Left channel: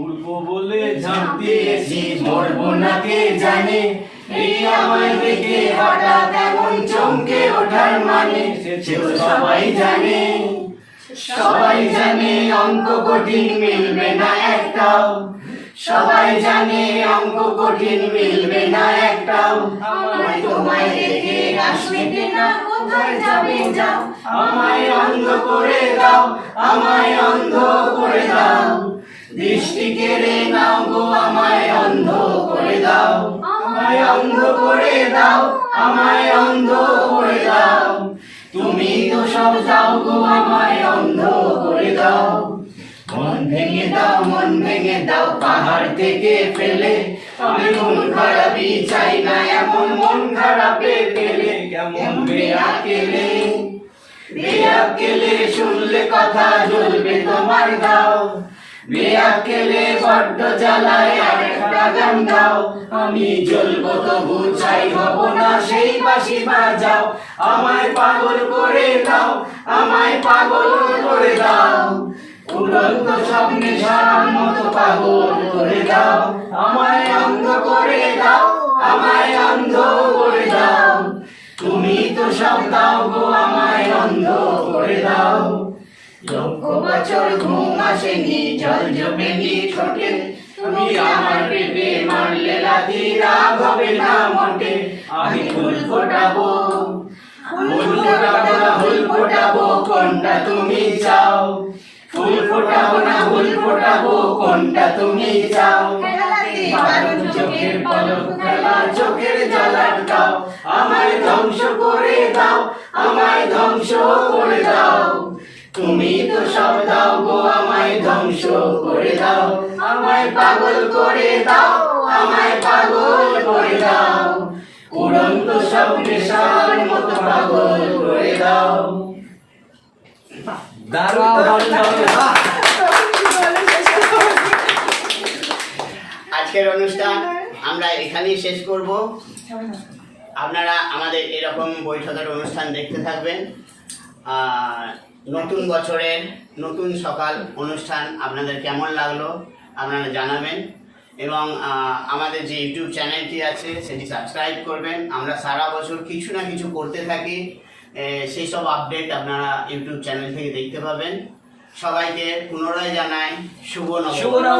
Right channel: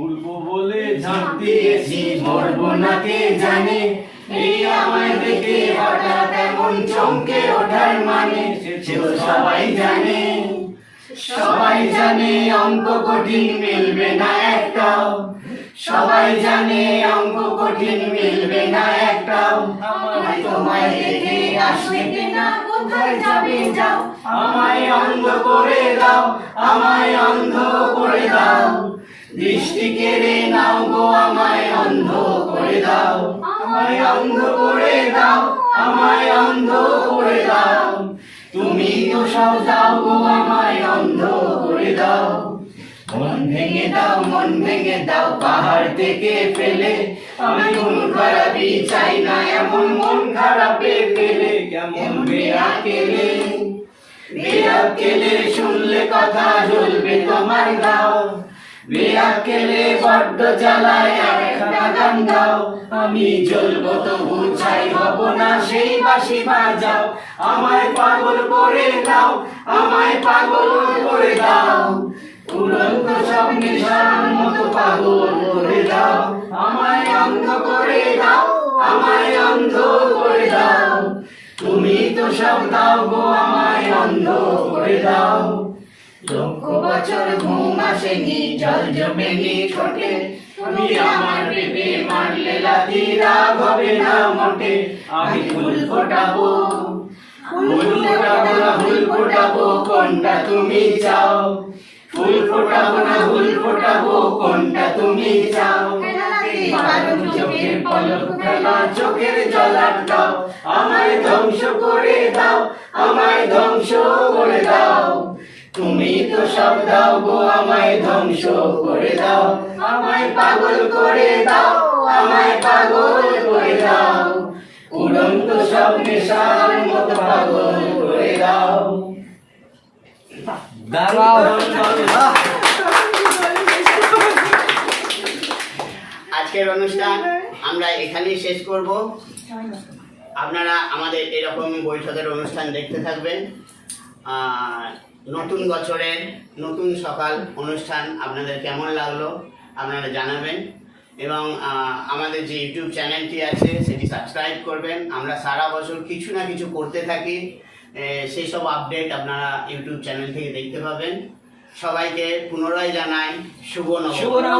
উড়বো বলে ঝাঁপ দিয়েছি, মরবো না কে জানে। এই আমায় দেখে হঠাৎ এমন চমকে ওঠার মানে, সে তো সবাই জানে। সবাই জানে অঙ্ক কঠিন মিলবে না একটাও, সবাই জানে অঙ্ক কঠিন মিলবে না একটাও। আমায় তোমায় দেখে আসবে না, কোথায় যাবে যাও। আমায় অন্ধ করে দাও, আমায় অন্ধ করে দাও। দৃষ্টি কেড়ে নাও গো, আমায় অন্ধ করে দাও। আমায় অন্ধ করে দাও, আমায় অন্ধ করে দাও। তুমি তো সব যাও গো, আমায় অন্ধ করে দাও। মন ভেঙে দাও, মন ভেঙে দাও পাহাড় থেকে ফেলে। আমি মন খারাপই চাই না, এমন মন খারাপে ফেলে। কেমন বেয়াকেলে, বেয়াকেলে শুনলে কথা জ্বলবে তোমার গাও। বেয়াকেলে বড্ড জ্বালায়, একটা গান গাও। আমি জ্বলবো তবু ছাই হব না, সেই বাঁশি বাজাও। আমায় পাগল করে দাও, আমায় পাগল করে দাও। উড়ন্ত স্বপ্নে সারার মতো পাগল করে দাও। আমায় অন্ধ করে দাও, আমায় অন্ধ করে দাও। তুমি তো সব দাও গো, আমায় অন্ধ করে দাও। লক্ষ বছর ঘুম আসেনি, জল জমেনি ঠোঁটে। তুমি আমার পেটে মারলে লাথি, রাগ হবে না মোটে। আমি ফুল ফোটাবো, ফুল ফোটাবো না ফুল ফোটাবো, কোনটা তুমি চাও। ফুল ফোটাবো না ফুল ফোটাবো, কোনটা তুমি চাও। চোখের পলক ফেলা, চোখের জল আটকাও। আমায় ধ্বংস করে দাও, আমায় ধ্বংস করে দাও। তুমি তো সব দাও গো, আমায় ধ্বংস করে দাও। আমায় পাগল করে দাও, আমায় পাগল করে দাও। উড়ন্ত স্বপ্নে সার মতো পাগল করে দাও। আজকের অনুষ্ঠান আমরা এখানেই শেষ করব। আপনারা আমাদের এরকম বৈঠকের অনুষ্ঠান দেখতে থাকবেন। নতুন বছরের নতুন সকাল অনুষ্ঠান আপনাদের কেমন লাগলো আপনারা জানাবেন, এবং আমাদের যে ইউটিউব চ্যানেলটি আছে সেটি সাবস্ক্রাইব করবেন। আমরা সারা বছর কিছু না কিছু করতে থাকি, সেই সব আপডেট আপনারা ইউটিউব চ্যানেল থেকে দেখতে পাবেন। সবাইকে পুনরায় জানাই শুভ নববর্ষ।